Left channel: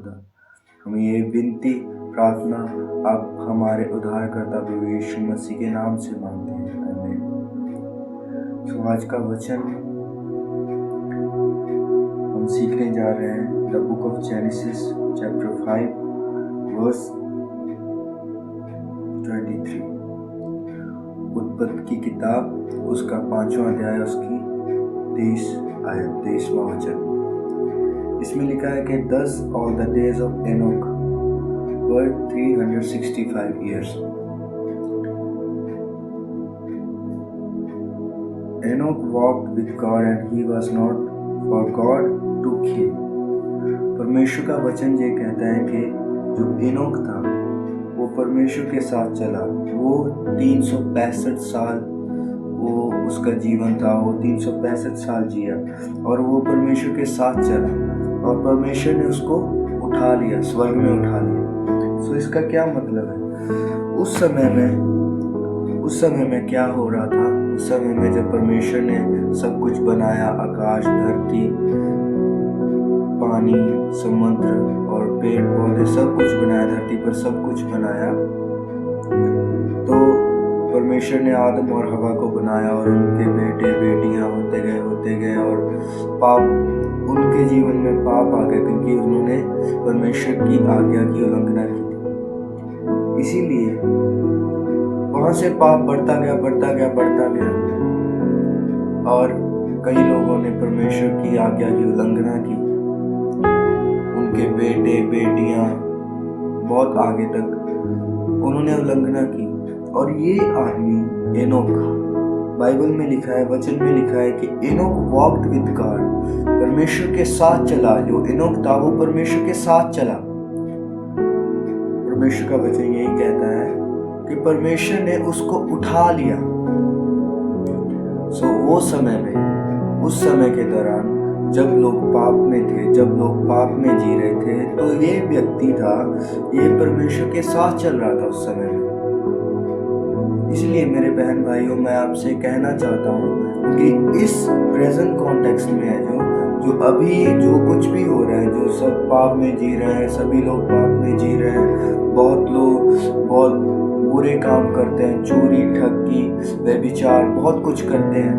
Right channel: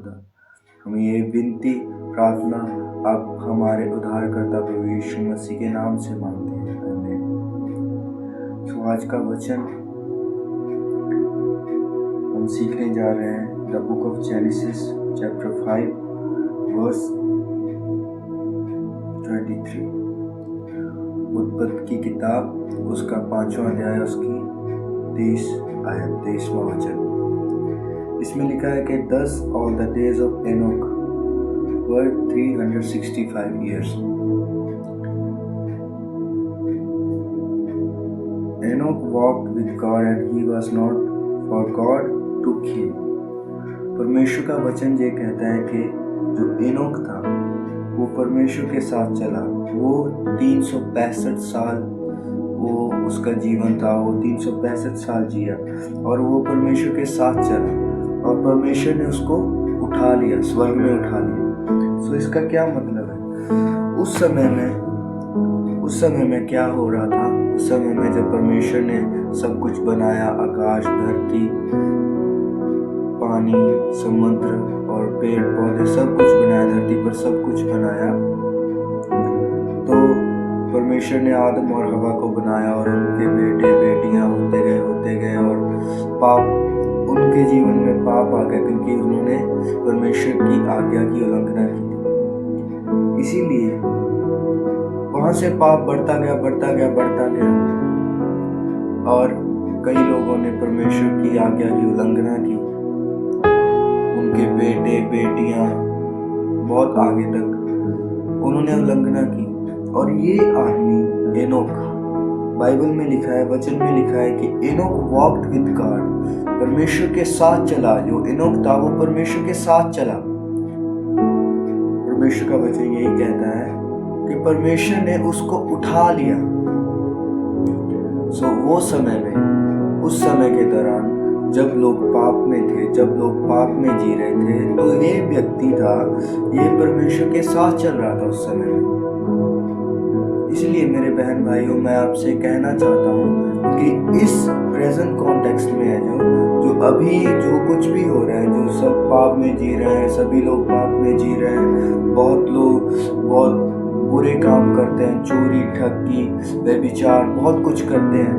हम ये विनती प्रार्थना आप हमारे उद्धारकर्ता प्रभु यीशु मसीह के नाम से मांगते हैं। आमीन। तो आज का वचन हम सीखने जा रहे हैं the book of Genesis chapter 5 verse 23। उत्पत्ति की किताब उसका 5वां अध्याय उसकी 23वां वचन। इसमें लिखा है कि thus all the days of Enoch were 365 years. Enoch walked with God and he was not, for God took him. परमेश्वर का वचन ये कहता है कि जो एनोक था वो परमेश्वर के साथ चला। वो 365 साल वो उसका जीवन था। वो 365 साल जिया और वो परमेश्वर के साथ चला और परमेश्वर ने उसको उठा लिया, स्वर्ग में उठा लिया। सो इसका क्या मतलब है? उस समय में क्या हो रहा था? उस समय में जब परमेश्वर ने सब कुछ बनाया, आकाश, धरती, पानी, समुद्र और पेड़ पौधे, सब कुछ बनाया, धरती पर सब कुछ बनाया, तो परमेश्वर ने आदम और हवा को बनाया और उनके बेटे बेटियां होते गए और उनके जीवन में पाप आ गया क्योंकि उन्होंने परमेश्वर की आज्ञा की उल्लंघना की थी। इसीलिए वहां से पाप बढ़ता गया और कई लोगों ने परमेश्वर की आज्ञा की उल्लंघना की। उनके बेटे बेटियां बहुत आगे तक उन्होंने उल्लंघना की। और ये आदमी एनोक, बाइबल में लिखा है, वचन में लिखा है कि एनोक वॉक्ड विद गॉड, परमेश्वर के साथ चला। जो एनोक था वो परमेश्वर के साथ चला। परमेश्वर का वचन यही कहता है कि परमेश्वर ने उसको उठा लिया। उस समय के दौरान जब लोग पाप में थे, जब लोग पाप में जी रहे थे, तो ये व्यक्ति था, ये परमेश्वर के साथ चल रहा था उस समय में। इसलिए मेरे बहन भाइयों, मैं आपसे कहना चाहता हूँ कि इस प्रेजेंट कॉन्टेक्स्ट में है जो अभी जो कुछ भी हो रहा है, जो सब पाप में जी रहे हैं, सभी लोग पाप में जी रहे हैं। बहुत लोग बहुत बुरे काम करते हैं, चोरी, ठगी, व्यभिचार, बहुत कुछ करते हैं।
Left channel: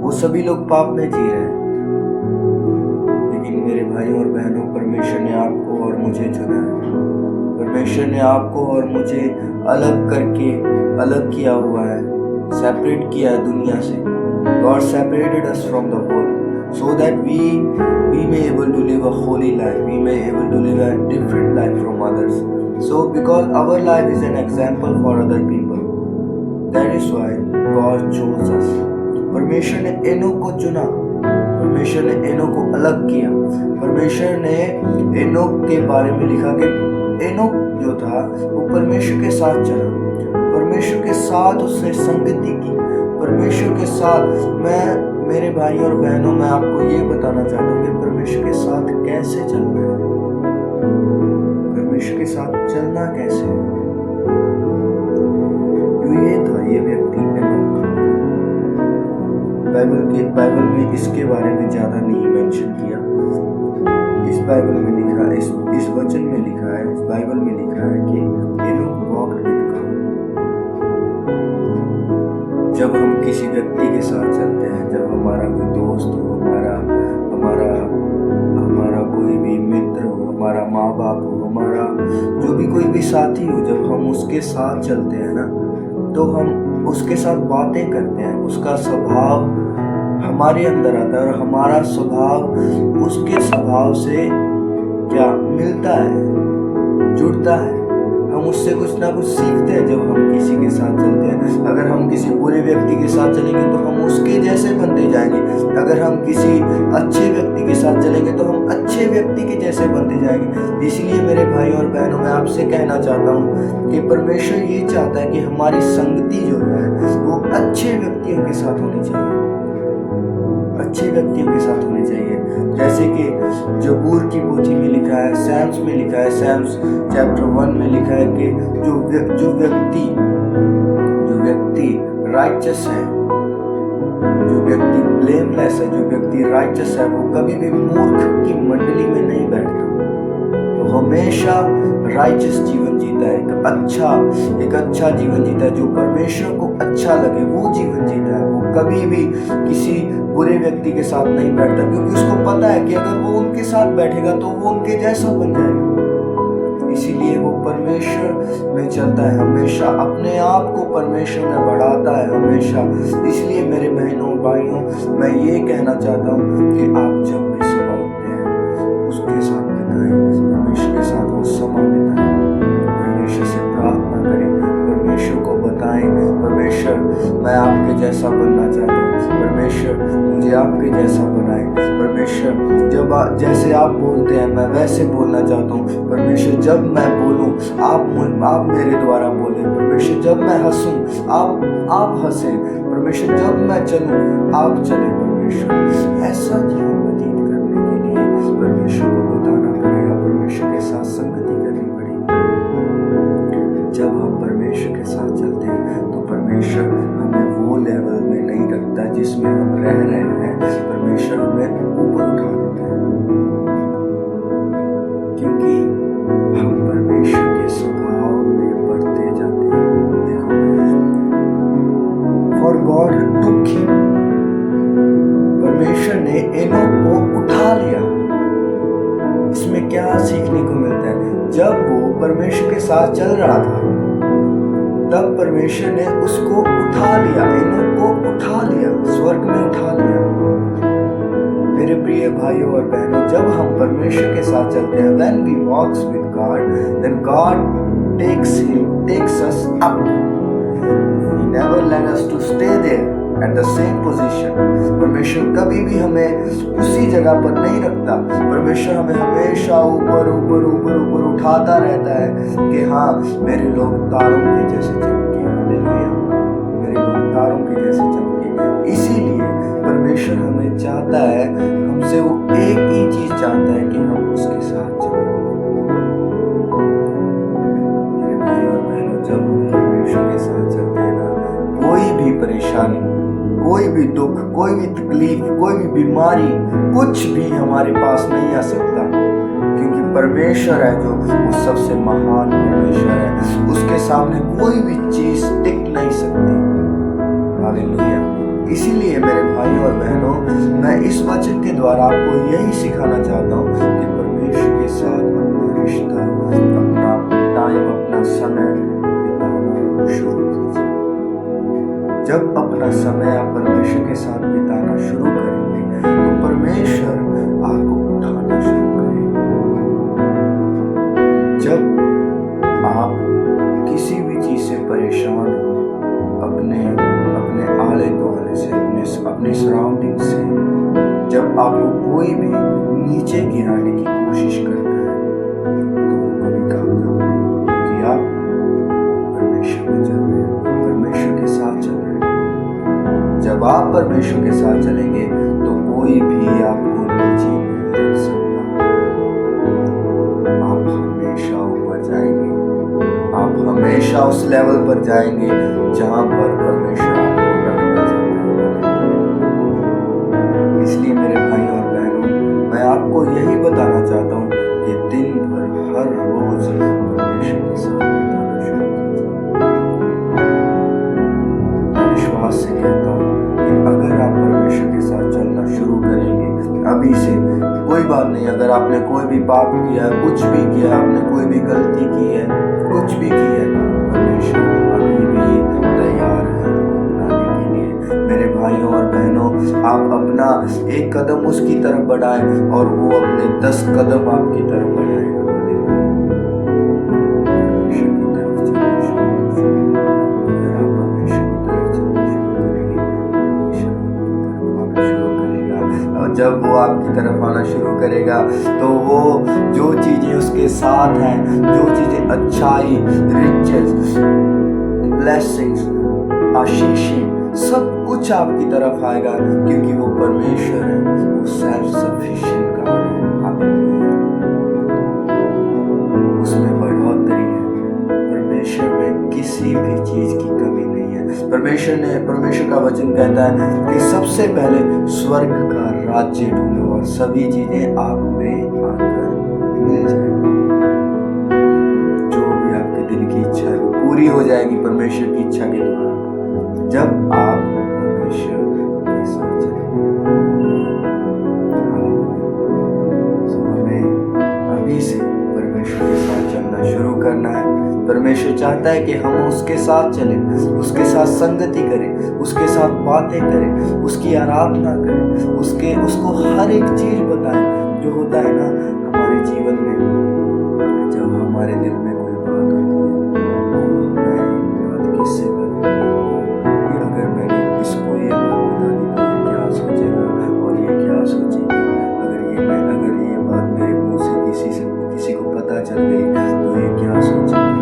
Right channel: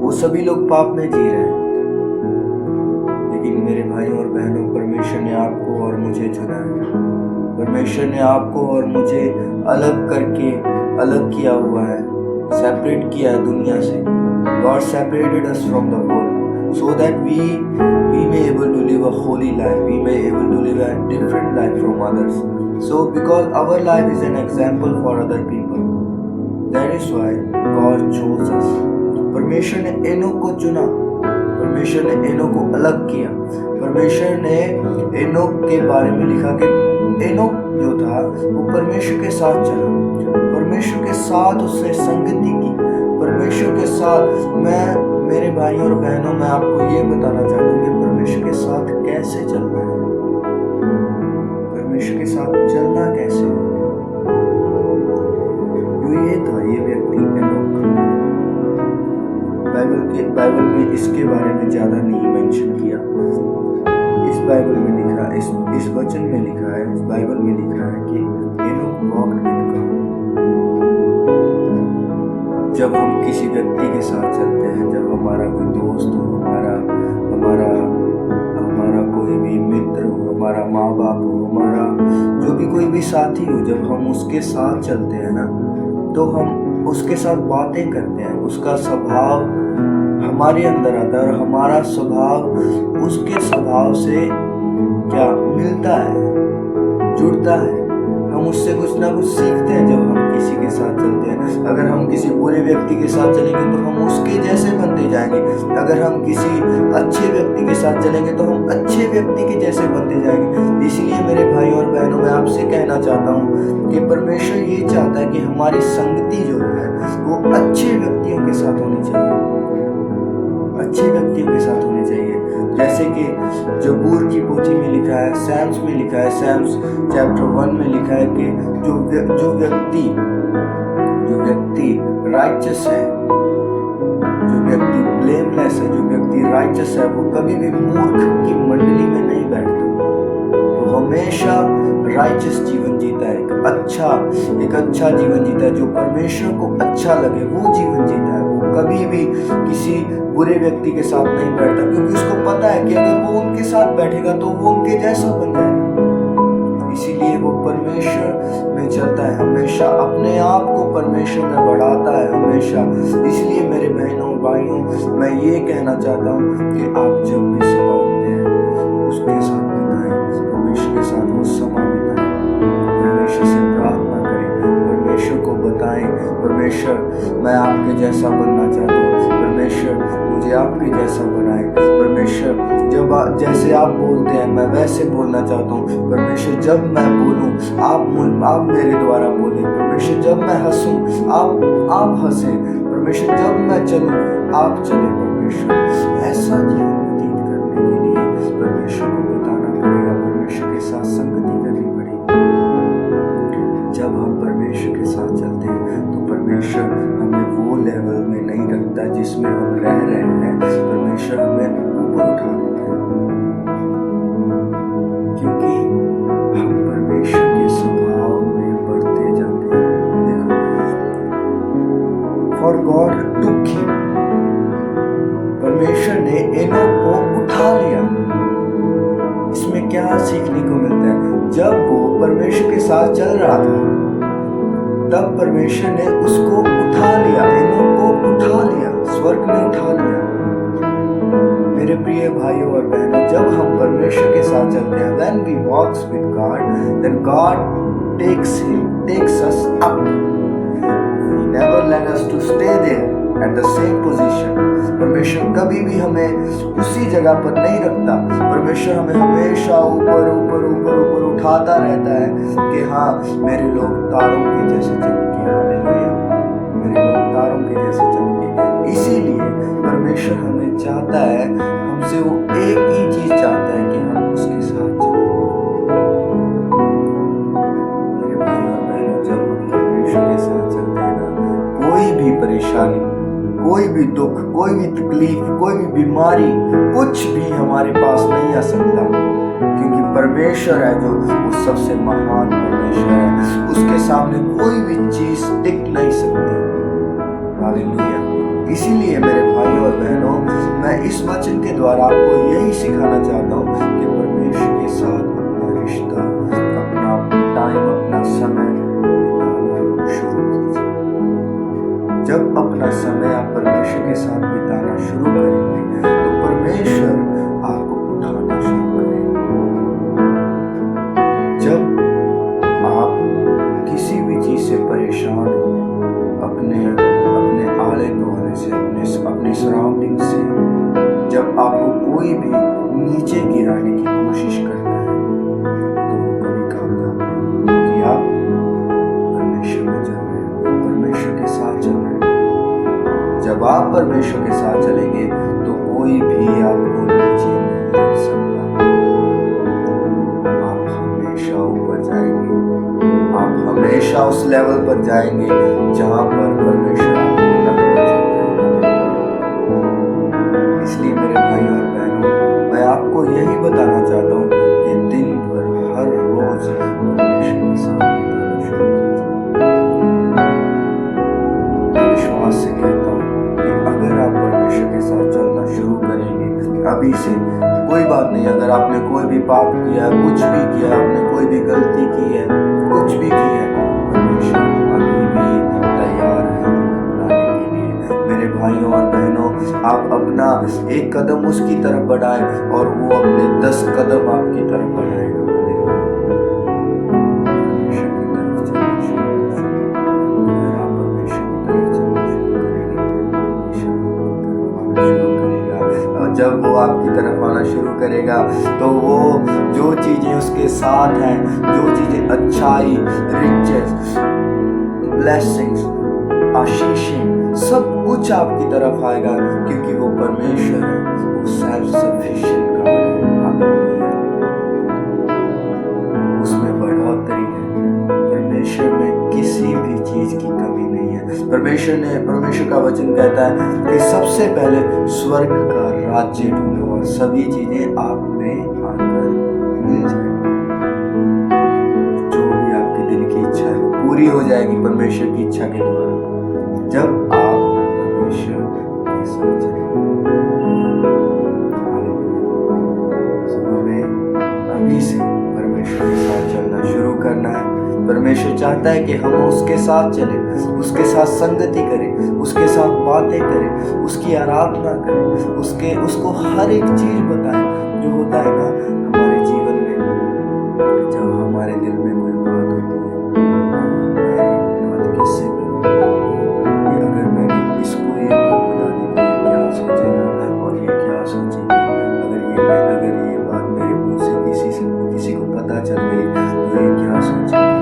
वो सभी लोग पाप में जी रहे हैं। लेकिन मेरे भाइयों और बहनों, परमेश्वर ने आपको और मुझे चुना है। परमेश्वर ने आपको और मुझे अलग किया हुआ है, सेपरेट किया है दुनिया से। God separated us from the world so that we may able to live a holy life, we may able to live a different life from others. So because our life is an example for other people, that is why God chose us. परमेश्वर ने Enoch को चुना, परमेश्वर ने Enoch को अलग किया। परमेश्वर ने एनोक के बारे में लिखा कि एनोक जो था वो परमेश्वर के साथ चला, परमेश्वर के साथ उसने संगति की, परमेश्वर के साथ। मेरे भाइयों और बहनों, मैं आपको ये बताना चाहता हूँ कि परमेश्वर के साथ कैसे चलना है, परमेश्वर के साथ चलना कैसे है। ये था ये व्यक्ति एनोक। बाइबल में इसके बारे में ज्यादा नहीं मेंशन किया। इस बाइबल में लिखा, इस वचन में लिखा है, इस बाइबल में लिखा है कि एनोक वॉक्ड विद गॉड। जब हम किसी व्यक्ति के साथ चलते हैं, जब हमारा कोई दोस्त हो, हमारा कोई भी मित्र हो, हमारा माँ बाप हो, हमारा जो भी कोई भी साथी हो, जब हम उसके साथ चलते हैं ना, तो हम उसके साथ बातें करते हैं, उसका स्वभाव हमारे अंदर आता है और हमारा स्वभाव उसके स्वभाव से क्या मिलता है, जुड़ता है। हम उससे कुछ ना कुछ सीखते हैं जब हम किसी के साथ चलते हैं। अगर हम किसी बुरे व्यक्ति के साथ चलेंगे तो हम उसके जैसे बनते जाएंगे। अगर हम किसी अच्छे व्यक्ति के साथ चलेंगे तो हम अच्छे व्यक्ति के जैसे बनते जाएंगे। इसलिए मेरे भाइयों और बहनों, मैं आपसे कहना चाहता हूँ कि परमेश्वर ये चाहता है कि हमारी संगति जो है वो अच्छे व्यक्तियों के साथ होनी चाहिए, अच्छे व्यक्तियों के साथ होनी चाहिए। जैसे कि जबूर की पोथी में लिखा है, सैम्स में लिखा है, सैम्स चैप्टर 1 में लिखा है कि जो व्यक्ति राइचस है, जो व्यक्ति ब्लेमलेस है, जो व्यक्ति राइचस है, वो कभी भी मूर्ख की मंडली में नहीं बैठता। हमेशा राइचस जीवन जीता है, एक अच्छा जीवन जीता है, जो परमेश्वर को अच्छा लगे वो जीवन जीता है। वो कभी भी किसी बुरे व्यक्ति के साथ नहीं बैठता, क्योंकि उसको पता है कि अगर वो उनके साथ बैठेगा तो वो उनके जैसा बन जाएगा। इसीलिए वो परमेश्वर में चलता है, हमेशा अपने आप को परमेश्वर में बढ़ाता है हमेशा। इसलिए मेरे बहनों भाइयों, मैं ये कहना चाहता हूँ कि आप जब भी सुबह उठते हैं उसके साथ बिताएं, परमेश्वर के साथ वो समय बिताएं, परमेश्वर से प्रार्थना करें, परमेश्वर को बताएं, परमेश्वर मैं आपके जैसा बनना चाहता हूँ, परमेश्वर मुझे आपके जैसा बनाए, परमेश्वर जब जैसे आप बोलते हैं मैं वैसे बोलना चाहता हूँ, परमेश्वर जब मैं बोलूँ आप मेरे द्वारा बोलें, परमेश्वर जब मैं हंसूँ आप हंसें, परमेश्वर जब मैं चलूँ आप चलें। परमेश्वर ऐसा जीवन व्यतीत करने के लिए परमेश्वर को बताना पड़ेगा, परमेश्वर के साथ संगति करनी पड़ेगी। जब हम परमेश्वर के साथ चलते हैं तो परमेश्वर हमें वो लेवल में नहीं रखता जिसमें हम रह रहे हैं, परमेश्वर हमें ऊपर उठा देता है, क्योंकि हम परमेश्वर के स्वभाव में बढ़ते जाते हैं। देखो, फॉर गॉड टुक हिम, परमेश्वर ने एनोक को उठा लिया। इसमें क्या सीखने को मिलता है? जब वो परमेश्वर के साथ चल रहा था तब परमेश्वर ने उसको उठा लिया, एनोक को उठा लिया, स्वर्ग में उठा लिया। मेरे प्रिय भाइयों और बहनों, जब हम परमेश्वर के साथ चलते हैं, when we walks with God, then God takes us up. He never let us to stay there at the same position. परमेश्वर कभी भी हमें उसी जगह पर नहीं रखता, परमेश्वर हमें हमेशा ऊपर ऊपर ऊपर ऊपर उठाता रहता है कि हाँ मेरे लोग तारों के जैसे चमके, हालेलुया, मेरे लोग तारों के जैसे चमके। इसीलिए परमेश्वर हमें चाहता है, हमसे वो एक ही चीज चाहता है कि हम उसके साथ चलें। मेरे भाई और बहनों, जब हम परमेश्वर के साथ चलते हैं ना, कोई भी परेशानी, कोई भी दुख, कोई भी तकलीफ, कोई भी बीमारी, कुछ भी हमारे पास नहीं आ सकता, क्योंकि परमेश्वर है जो वो सबसे महान परमेश्वर है, उसके सामने कोई भी चीज टिक नहीं सकती। हालेलुया। इसीलिए मेरे भाइयों और बहनों, मैं इस वचन के द्वारा आपको यही सिखाना चाहता हूँ कि परमेश्वर के साथ अपना रिश्ता, अपना टाइम, अपना समय बिताना शुरू कीजिए। जब अपना समय आप परमेश्वर के साथ बिताना शुरू करेंगे तो परमेश्वर आपको उठाना शुरू करेगा। जब आप किसी भी चीज से परेशान हो, अपने आले दुआले से, अपने सराउंडिंग से, जब आपको कोई भी नीचे गिराने की कोशिश करता है तो वो कभी कामयाब नहीं होगा, क्योंकि आप परमेश्वर में चल रहे हैं, परमेश्वर के साथ चल रहे हैं। जब आप परमेश्वर के साथ चलेंगे तो कोई भी आपको नीचे नहीं रख सकता, आप हमेशा ऊपर जाएंगे, आप हमेशा उस लेवल पर जाएंगे जहां पर परमेश्वर आपको रखना चाहता है। इसलिए मेरे भाई और बहनों, मैं आपको यही बताना चाहता हूँ कि दिन भर हर रोज परमेश्वर के साथ बिताना शुरू कीजिए। मैं विश्वास से कहता हूँ कि अगर आप परमेश्वर के साथ चलना शुरू करेंगे अभी से, कोई बात नहीं, अगर आपने कोई भी पाप किया है, कुछ भी किया, आपने कोई भी गलती की है, कुछ भी की है, परमेश्वर अभी भी तैयार है आपको अपनाने के लिए। मेरे भाइयों और बहनों, आप अपना एक कदम उसकी तरफ बढ़ाएं और वो अपने 10 कदम आपकी तरफ बढ़ाएगा। परमेश्वर की तरफ चलना शुरू कीजिए। अगर आप परमेश्वर की तरफ चलना शुरू करेंगे, परमेश्वर आपकी तरफ आना शुरू करेगा, और जब वो आपकी तरफ आना शुरू करेगा तो वो जो चीजें उसके साथ हैं, जो चीजें अच्छाई, रिचेस, ब्लेसिंग्स, आशीषें, सब कुछ आपकी तरफ आएगा, क्योंकि वो परमेश्वर है, वो सेल्फ सफिशिएंट गॉड है। हालेलुया। उसमें बढ़ोतरी है, परमेश्वर में किसी भी चीज की कमी नहीं है। परमेश्वर का वचन कहता है कि सबसे पहले स्वर्ग का राज्य ढूंढो और सभी चीजें आप में आकर मिल जाएंगी। जाएगी परमेश्वर की इच्छा के द्वारा, जब आप परमेश्वर के साथ चलेंगे। तो हमें अभी से परमेश्वर के साथ चलना शुरू करना है। परमेश्वर चाहता है कि हम उसके साथ चलें, उसके साथ संगति करें, उसके साथ बातें करें, उसकी आराधना करें, उसको हर एक चीज बताएं जो होता है ना हमारे जीवन में। जब हमारे दिल में कोई बात होती है, मैं ये बात किससे करूं, ये अगर मैंने इसको ये बात बता दी तो ये क्या सोचेगा और ये क्या सोचेगी, अगर ये बात मेरे मुंह से किसी को पता चल गई तो ये क्या सोचेगी।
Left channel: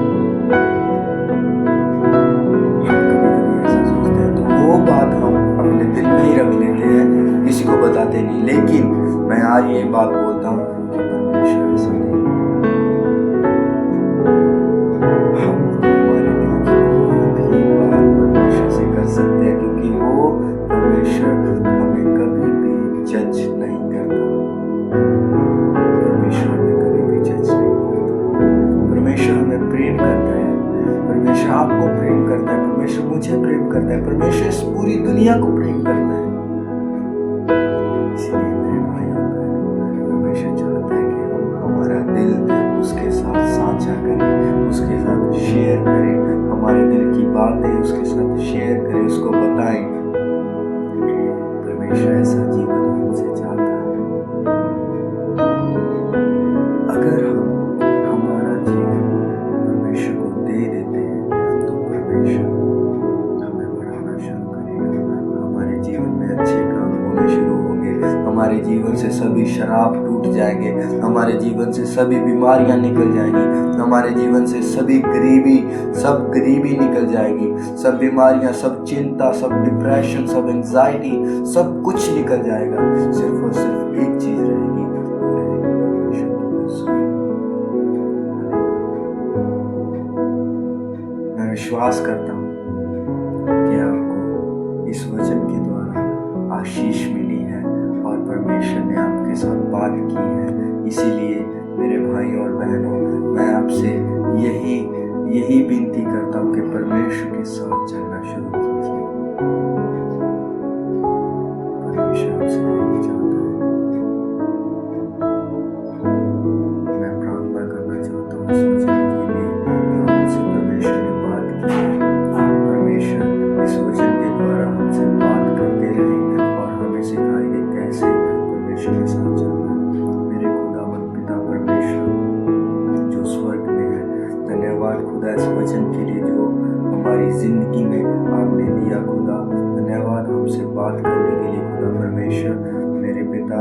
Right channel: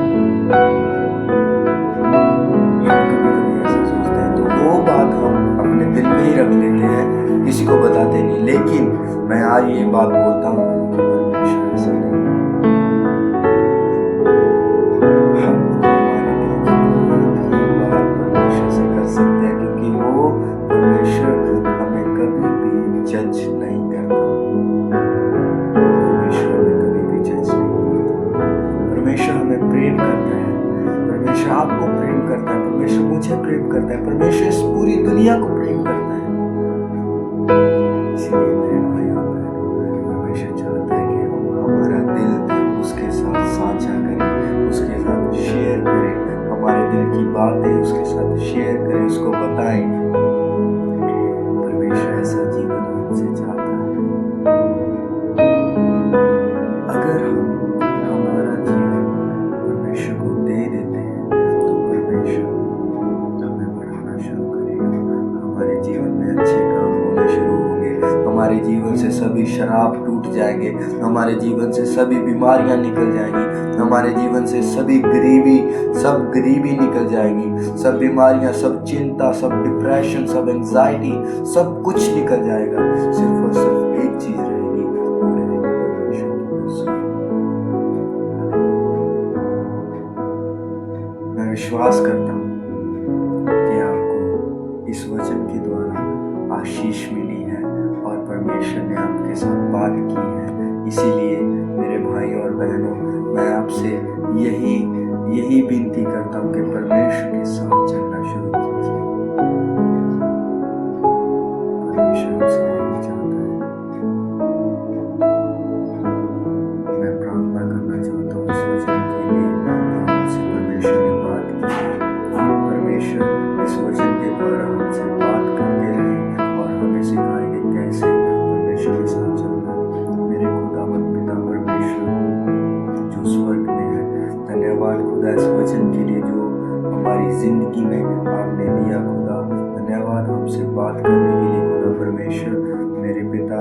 हम कभी ऐसा सोचते हैं, तो वो बात हम अपने दिल में ही रख लेते हैं, किसी को बताते नहीं। लेकिन मैं आज ये बात बोलता हूँ कि परमेश्वर ऐसा नहीं, हम हमारे दिल की कोई भी बात परमेश्वर से कर सकते हैं, क्योंकि वो परमेश्वर हमें कभी भी जज नहीं करता। परमेश्वर हमें कभी भी जज नहीं करता। परमेश्वर हमें प्रेम करता है, परमेश्वर आपको प्रेम करता है, परमेश्वर मुझे प्रेम करता है, परमेश्वर इस पूरी दुनिया को प्रेम करता है। इसीलिए मेरे भाई और बहनों, परमेश्वर चाहता है कि हम हमारा दिल उसके साथ साझा करें, उसके साथ शेयर करें, हमारे दिल की बातें उसके साथ शेयर करें, उसको बताएं। परमेश्वर ऐसा जीवन हमसे चाहता है। अगर हम हमारा जीवन परमेश्वर को दे देते हैं तो परमेश्वर हमें बढ़ाना शुरू करेगा। हमारे जीवन में अच्छे काम होने शुरू होंगे, हमारे जीवन से सभी शराब टूट जाएंगे, हमारे जीवन से सभी बीमारियां निकल जाएंगी, हमारे जीवन से सब गरीबी निकल जाएगी, सब बीमारियां, सब चिंता, सब डिप्रेशन, सब एंजाइटी, सब कुछ निकल जाएगा। सिर्फ और सिर्फ एक चीज रहेगी, वो रहेगी परमेश्वर की नज़र। मैं विश्वास करता हूँ कि आपको इस वचन के द्वारा आशीष मिली है और परमेश्वर ने आपके साथ बात की है। इसीलिए मेरे भाई और बहनों, मैं आपसे यही विनती करता हूँ कि परमेश्वर के साथ चलना शुरू कीजिए। परमेश्वर आपसे यही चाहता है। मैं प्रार्थना करना चाहता हूँ इस वचन के लिए जो हमसे परमेश्वर ने बात की है। परमेश्वर इस वचन के द्वारा हमसे बात करते रहे और हमें सिखाएंगे कैसे परमेश्वर के साथ चलना है। मेरे खुदावंद पिता परमेश्वर जो स्वर्ग में है, धन्यवाद खुदा इस वचन के लिए जो हमारी जिंदगी में आपने दिया। खुदा धन्यवाद हमसे बात करने के लिए खुदा परमेश्वर। मेरे पिता,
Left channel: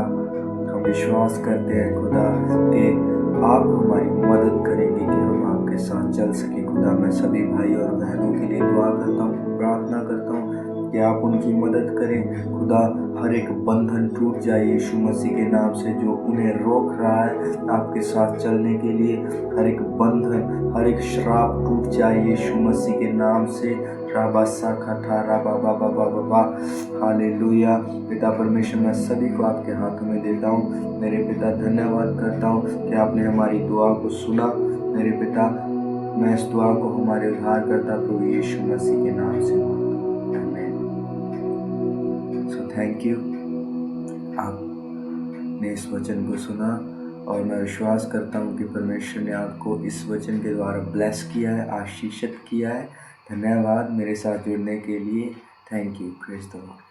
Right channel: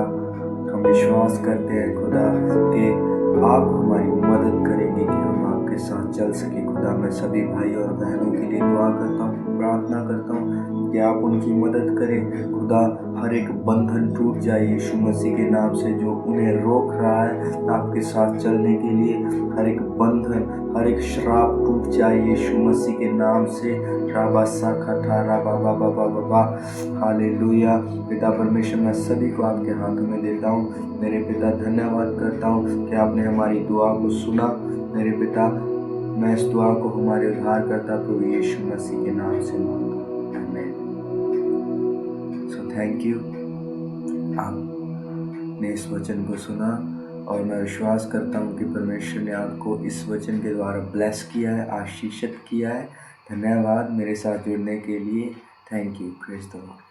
हम विश्वास करते हैं खुदा कि आप हमारी मदद करेंगे कि हम आपके साथ चल सके। खुदा मैं सभी भाई और बहनों के लिए दुआ करता हूँ, प्रार्थना करता हूँ कि आप उनकी मदद करें। खुदा हर एक बंधन टूट जाए यीशु मसीह के नाम से जो उन्हें रोक रहा है आपके साथ चलने के लिए। हर एक बंधन, हर एक श्राप टूट जाए यीशु मसीह के नाम से। हालेलुया। पिता परमेश्वर, मैं सभी को आपके हाथों में देता हूँ। मेरे पिता धन्यवाद करता हूँ कि आपने हमारी दुआ को सुना। मेरे पिता, मैं इस दुआ को हमारे उद्धारकर्ता प्रभु यीशु मसीह के नाम से मांगता हूँ, आमीन। सो थैंक यू, आपने इस वचन को सुना और मैं विश्वास करता हूँ कि परमेश्वर ने आपको इस वचन के द्वारा ब्लेस किया है, आशीषित किया है। धन्यवाद मेरे साथ जुड़ने के लिए। Thank you. Praise the Lord.